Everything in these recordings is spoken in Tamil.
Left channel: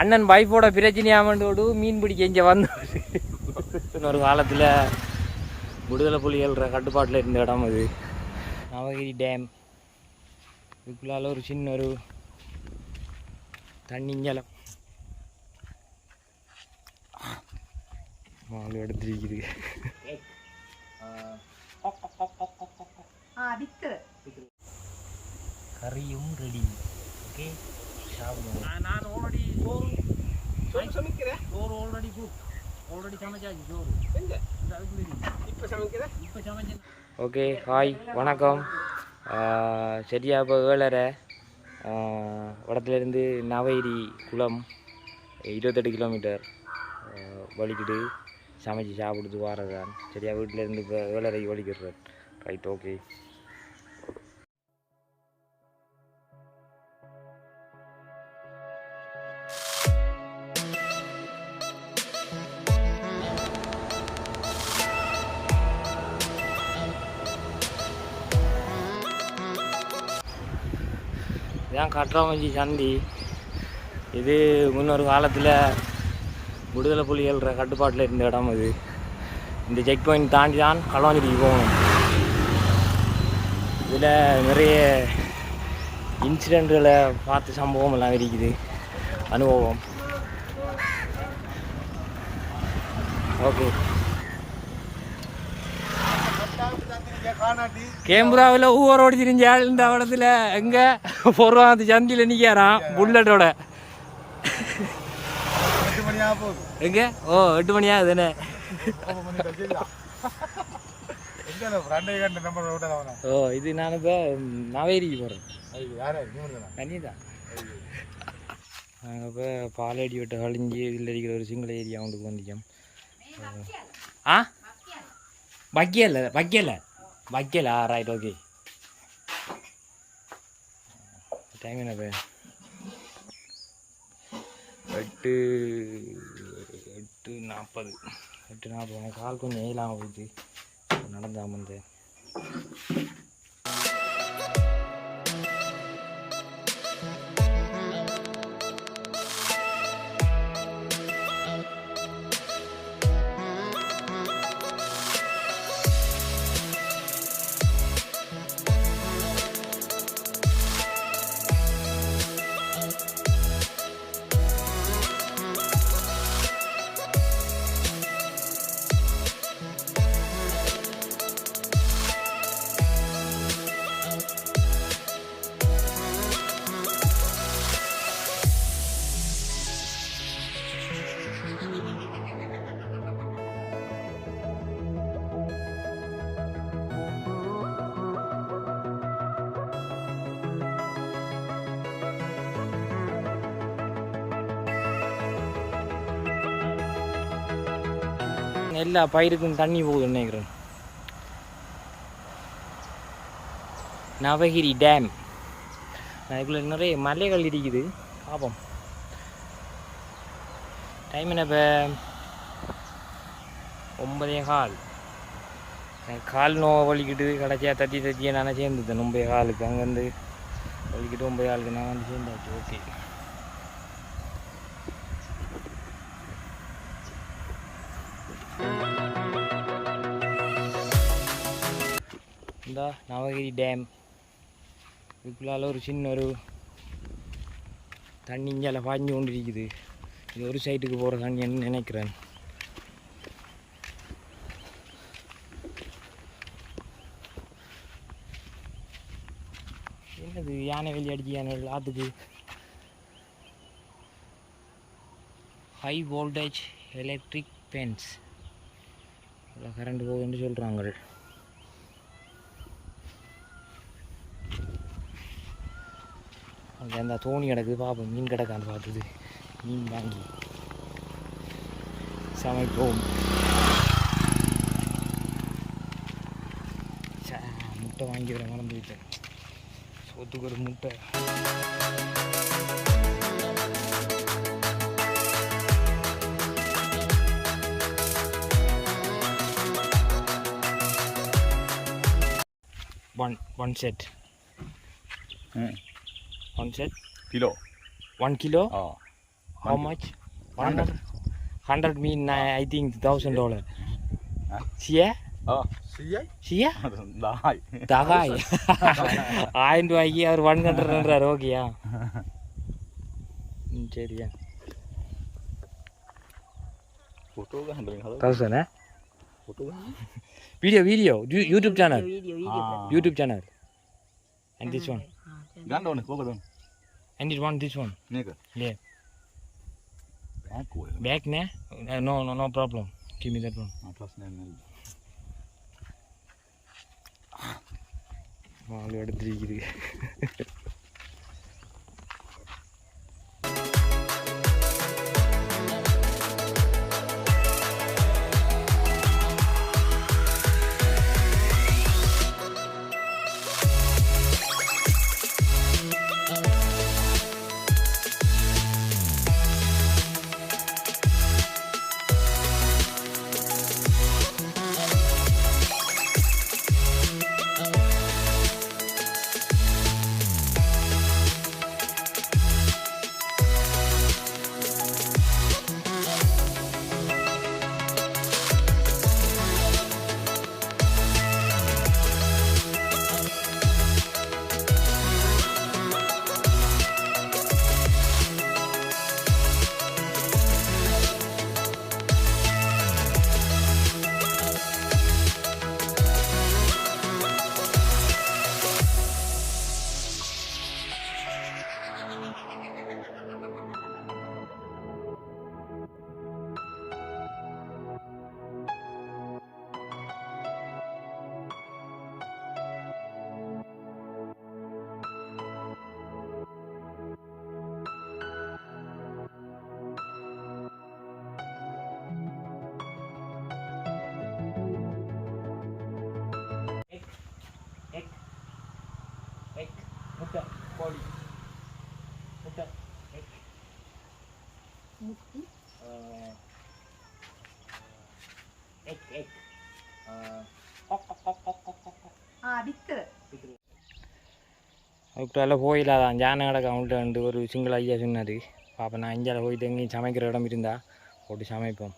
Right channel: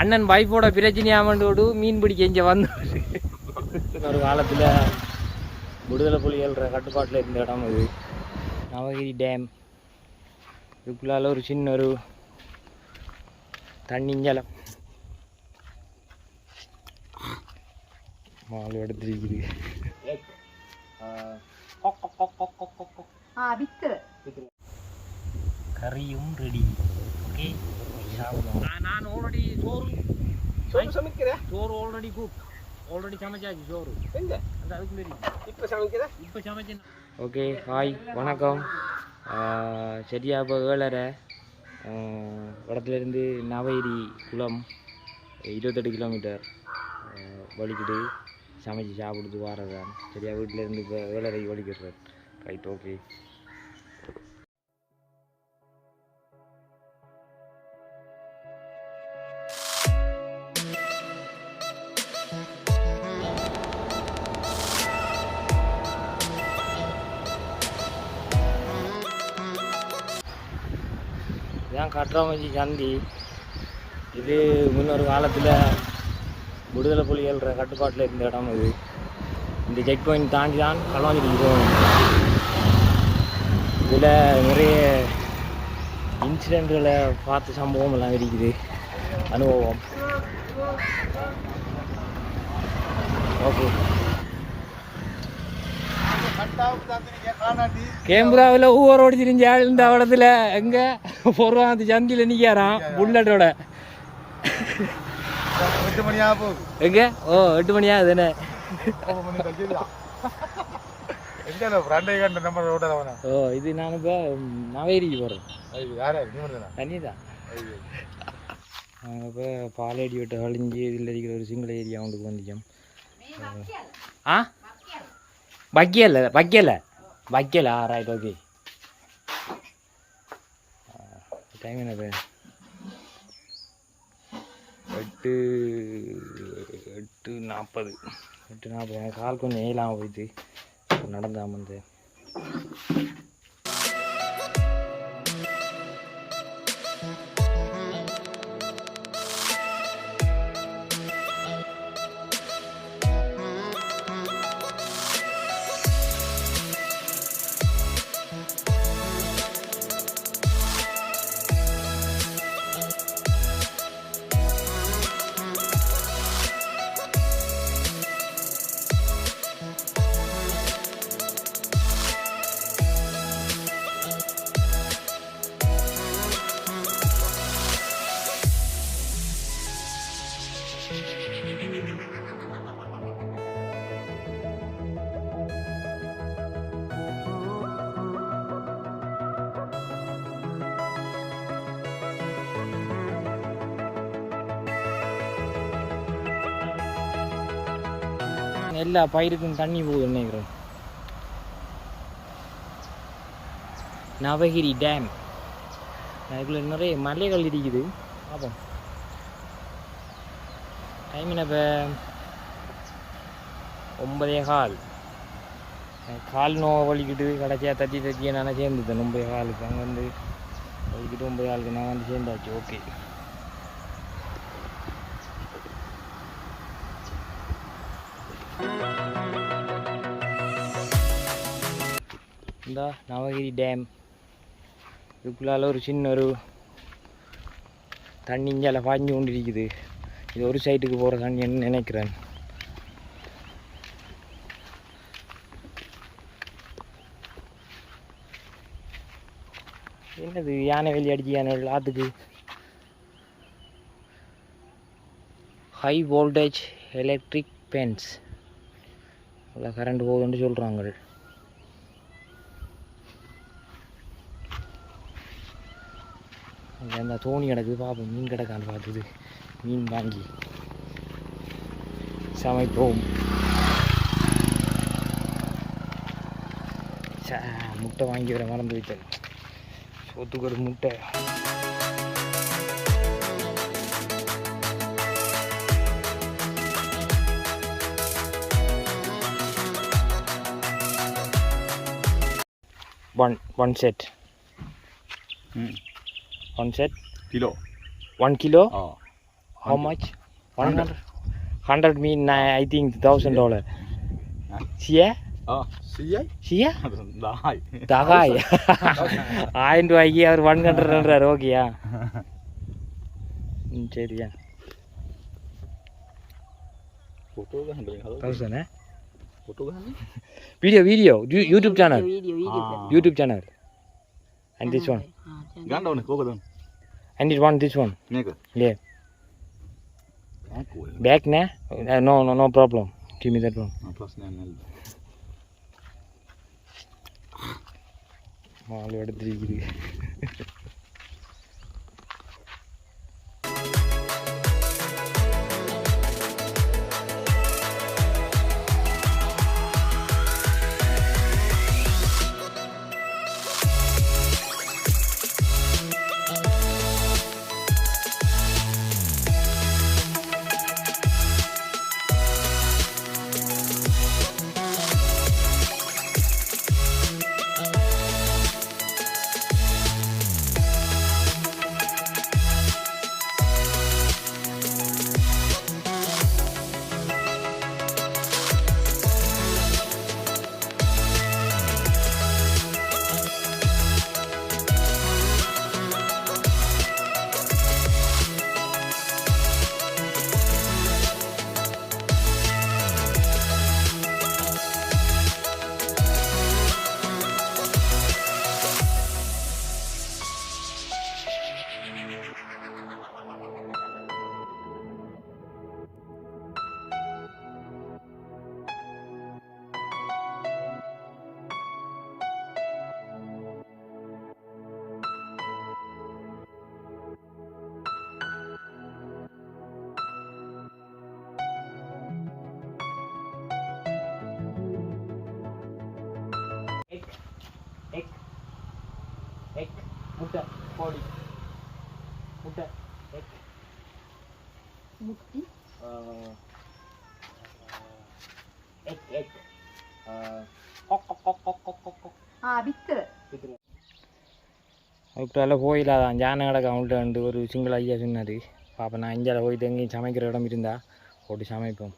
அண்ணன் வைஃபோட பிரச்சனையாமண்டோடு மீன் பிடிக்க இங்கே வந்து ஒரு காலத்தில் விடுதலை புலிகள் கட்டுப்பாட்டில் இருந்த இடம் இது நவகிரி டேம். இதுக்குள்ளால ஒரு சின்ன ஒரு தண்ணிஞ்சலம் மாலு எடுத்துருக்குது. கறியும் ரெடி. ஓகே, நான் ஆல்ரெடி சோறு ஆல்ரெடி குக் ஆல்ரெடி சமைச்சாச்சு. சோறு அந்த அதுக்குள்ளே இப்போ சமைச்சேன். ஓகே, ஹாய், வணக்கம். சரியா இப்போ 7:30 இடத்துலேருந்து நவகிரி குளம் 28 கிலோமீட்டர் வலிக்கிட்டு சமைச்சு சாப்பிடுது வாரதான். சரியா வீட்டிலேருந்து இப்போ 7:30 வலிக்கிறேன். Right, okay. இதுதான் கட்டுறாமஞ்சி சந்தி. இது முன்னொரு காலத்தில் விடுதலை புலிகள் கட்டுப்பாட்டில் இருந்த இடம் இது. இந்த செக் பாயிண்ட் தாண்டி தான் களவாஞ்சிக்கு போகணும். இதில் நிறைய இன்சிடெண்ட்களை பார்த்த சம்பவம் எல்லாம் இருக்குது, அனுபவம். ஓகே, கேமராவில் ஊரோடு திரிஞ்ச ஆள் இந்த அவலத்தில் எங்கே போடுவான் அந்த சந்தியில் நிற்கிறான் புல்லட்டோட. 8 மணி ஆகுது. எங்கே? ஓ, 8 மணி ஆகுதுண்ணே. ஓ, இது நான் இப்போ நவேரிக்கு போகிறேன். தண்ணி தான். நாங்கள் இப்போ பாலடி விட்டு கழிஞ்சி இதில் இருக்கிற ஒரு சிங்கள ஏரியா அவங்களுக்கு வந்துச்சோம். ஆ, வைக்கல. Right, okay. டைம் என்ன இப்போ? 8:40. கால் கொஞ்சம் ஏலாமல் போயிடுது நடந்தாமல் வந்து. எல்லா பயிருக்கும் தண்ணி போகுது நினைக்கிறேன். நவகிரி டேம். அதுக்குள்ள நிறைய மலைகள் இருக்குது. பார்ப்போம். டைம் என்ன இப்போ? 9:15. கால் நோவை வலிக்கிட்டு கடைசியாக தட்டி நான் சேர்ந்துட்டேன் 9:15. அங்கேருந்து வலிக்கிட்டு 9:15 நான் வந்து சேர்ந்தாச்சு. ஓகே, இந்த நவகிரி டேம். இதுக்குள்ளால ஒரு சின்ன ஒரு தண்ணிஞ்சால பாய்ஞ்சு கொண்டு இருக்குது. இது ஒரு சைட்டுக்கு போகிற தண்ணின்னு நினைக்கிறேன். என்னது யானை வெளி அடிச்சு யானை ஆற்றுக்கு? ஹை வோல்டேஜ் எலக்ட்ரிக் பென்ஸ் நல்லா கரண்ட் போகுதுன்னு சொல்கிறாங்க. அங்கே அந்த தோணி கிடக்குது, பார்ப்போம். மீன் கிடக்கான்னு பார்த்துது மீன் வாங்கி சமைப்போம். முட்டை வாங்கி வர மறந்து வைத்தேன். சோத்துக்கு ஒரு முட்டை. One set. 1 set? Kilo. 1 kilo? How much? 100. 100 mean I think $1,000. Sia? Oh, sia? Sia? Dahai. Dahai. I do I hear 100 okay. சரியா फोटो का हंड्रेड 1000 है फोटो का video YouTube channel YouTube channel and this one गांडा ने को कदम and this one ने का yeah back na no problem give me that one plus ne மாலை எடுத்துக்கிது egg முட்டை கோழி முட்டை egg முட்டி egg வித்துரு அதுக்குள்ள போயிடாதான் ஜான கிடக்க அவங்கள்ட்ட ஒரு சிங்கிள் ஐயா சொன்னார் பாப்பா நான் இந்தியாவில் போயிட்டு எங்கேயும் சமைக்கிற இடம் இருந்தால் போட்டு சமைப்போம்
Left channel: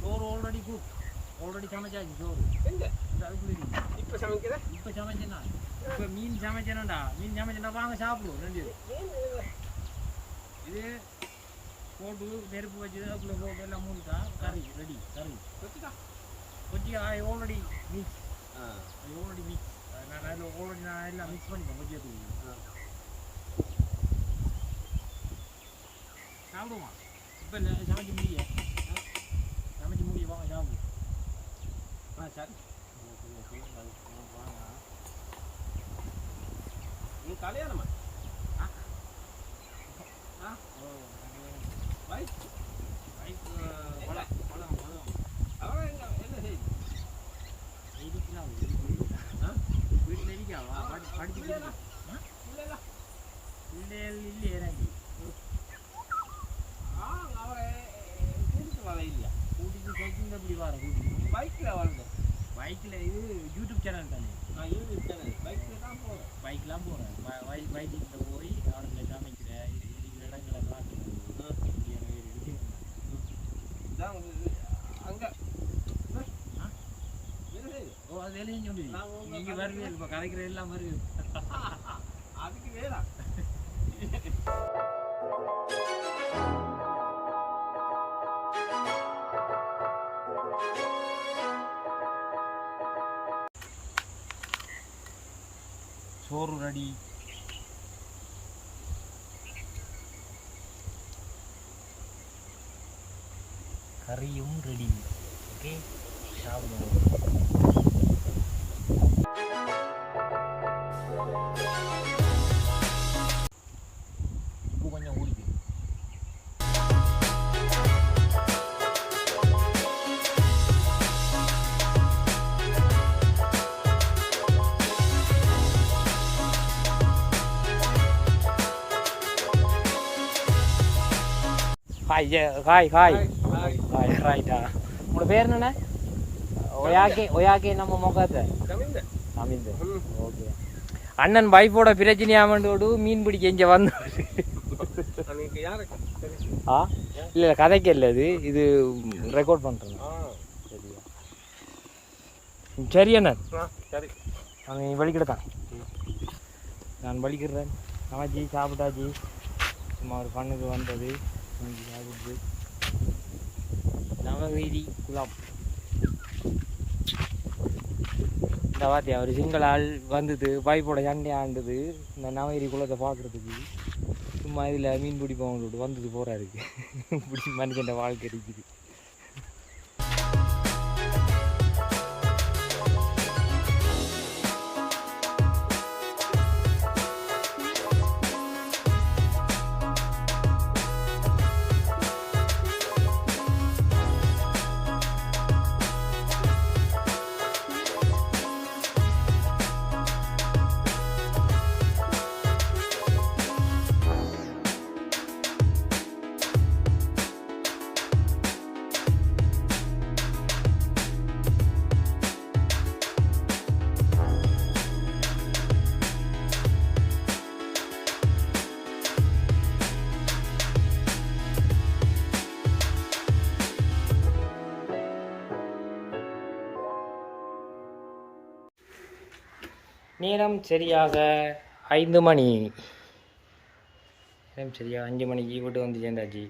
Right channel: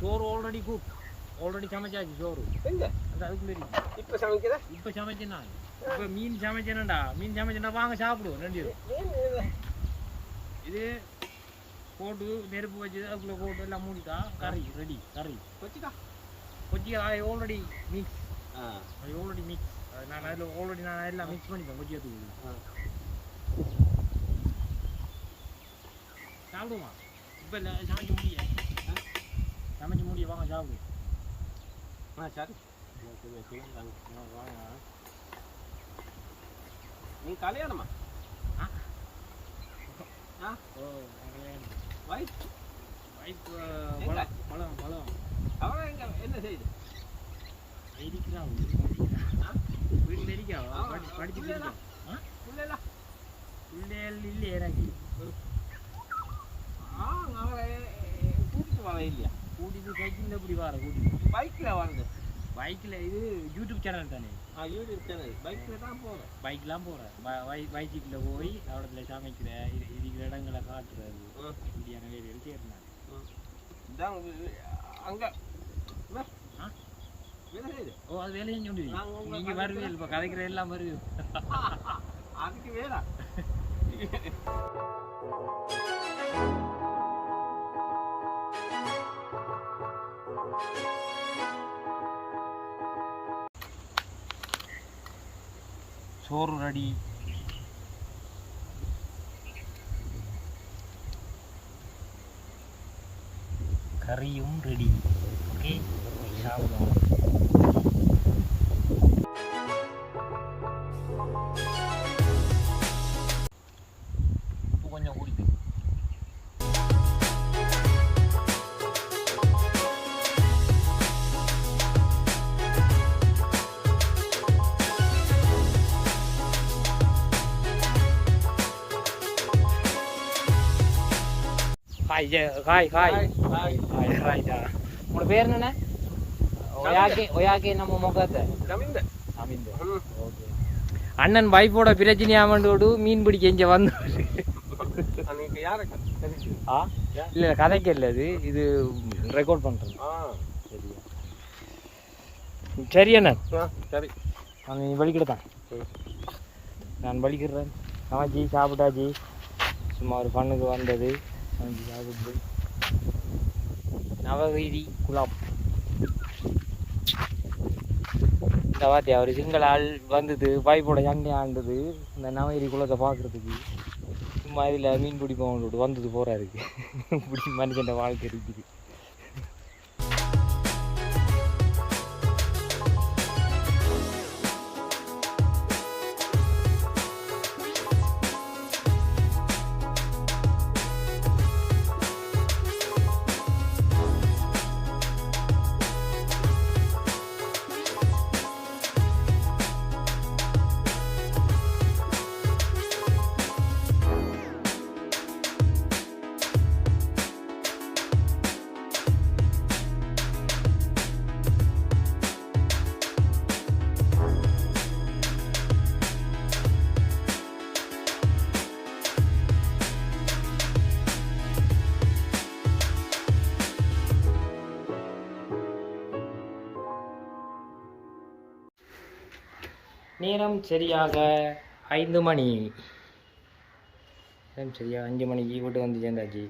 சோறு ஆல்ரெடி குக் ஆல்ரெடி சமைச்சாச்சு சோறு அந்த அதுக்குள்ளே இப்போ சமைக்கிறேன் இப்போ சமைச்சேன் நான் இப்போ மீன் சமைச்சேன்டா வாங்க சாப்பிடுவோம் ரெண்டு இது போட்டு நெருப்பு வச்சு அதுக்குள்ளே போட்டு எல்லாம் மூடிட்டா கறி ரெடி கறி கொச்சிக்கா கொச்சிக்கா ஆல்ரெடி மிக்ஸ் ஆ ஆல்ரெடி மிக்ஸ் நான் அதில் நான் எல்லாம் மிக்ஸ் பண்ணிட்டேன் கொச்சிக்கத்துக்கு ஆ சாப்பிடுமா இப்போ இல்லை சமைக்க முடிய சமைக்க முடிய வாங்க சாப்பிடு ஆ சரி கொஞ்சம் சொல்லுங்க வாங்க நீ கல்யாணமா ஆ ஆ ஓ நான் கல்யாணம் வைஃப் வைஃப் பழம் அவரை எங்க என்ன செய்யுது இருக்கிறா ஆ வீட்டில் இருக்காவா படிச்சுட்டு இருக்கா ஆ இல்லைல்ல பிள்ளைகள் இல்லை எனக்கு ஆ அவரை கூட்டிட்டு வர இல்லையா கூட்டிட்டு சைக்கிளில் இப்படி வர கூட்டிட்டு பைக்கில் வந்து பைக்கில் இது யூடியூப் சேனல் தானே யூடியூப் சேனல் பைக்கில் தான் போகிறோம் பைக்லாம் போகிறேன் பைக்கில் போய் இடத்துல சமைக்கிற இருக்கிற இடங்களை காட்டுறது இப்படியான வேலைகள் செய்கிறேன் இதான் அங்கே ஆ வேலை செய்யுது ஓ அது வேலையும் சொல்லுவீங்க நீங்கள் வருவீங்க இப்போ கதைக்கிற எல்லாம் வருவீங்க அதுக்கு வேலை சோறு ரெடி கறியும் ரெடி ஓகே சாப்பிடுவோம் உப்பு கொஞ்சம் ஊடிக்கு ஹாய் உங்களோட பேர் என்னண்ணே ஒயாக்கே நம்ம முகத்தை ஓகே அண்ணன் வைஃபோட பிரச்சனையாமண்டோடு மீன் பிடிக்க இங்கே வந்து ஆ இல்லை கதைக்கு இல்லை இது ரெக்கார்ட் பண்ணுறேன் சரியா சரி அண்ணன் சரி நான் வலிக்கிட்டதான் நான் வலிக்கிறேன் ஆஜி சாப்பிட்டாஜி சும்மா ஒரு ஃபண்ணுக்கு வந்தது வாங்கி சாப்பிட்டு நவகிரி குலாம் இந்த வாத்தி அவர் சிங்கள ஆள் வந்தது பைப்போட சண்டை ஆண்டது இந்த நவகிரி குளத்தை பார்க்குறதுக்கு சும்மா இதில் மீன் பிடிப்போம் வந்தது போகிறாருக்கு இப்படி மனுஷன் வாழ்க்கை இருக்குது நேரம் சரியாக 5 மணி நேரம் சரியாக 5 மணிக்கு வீட்டு வந்து சேர்ந்தாச்சு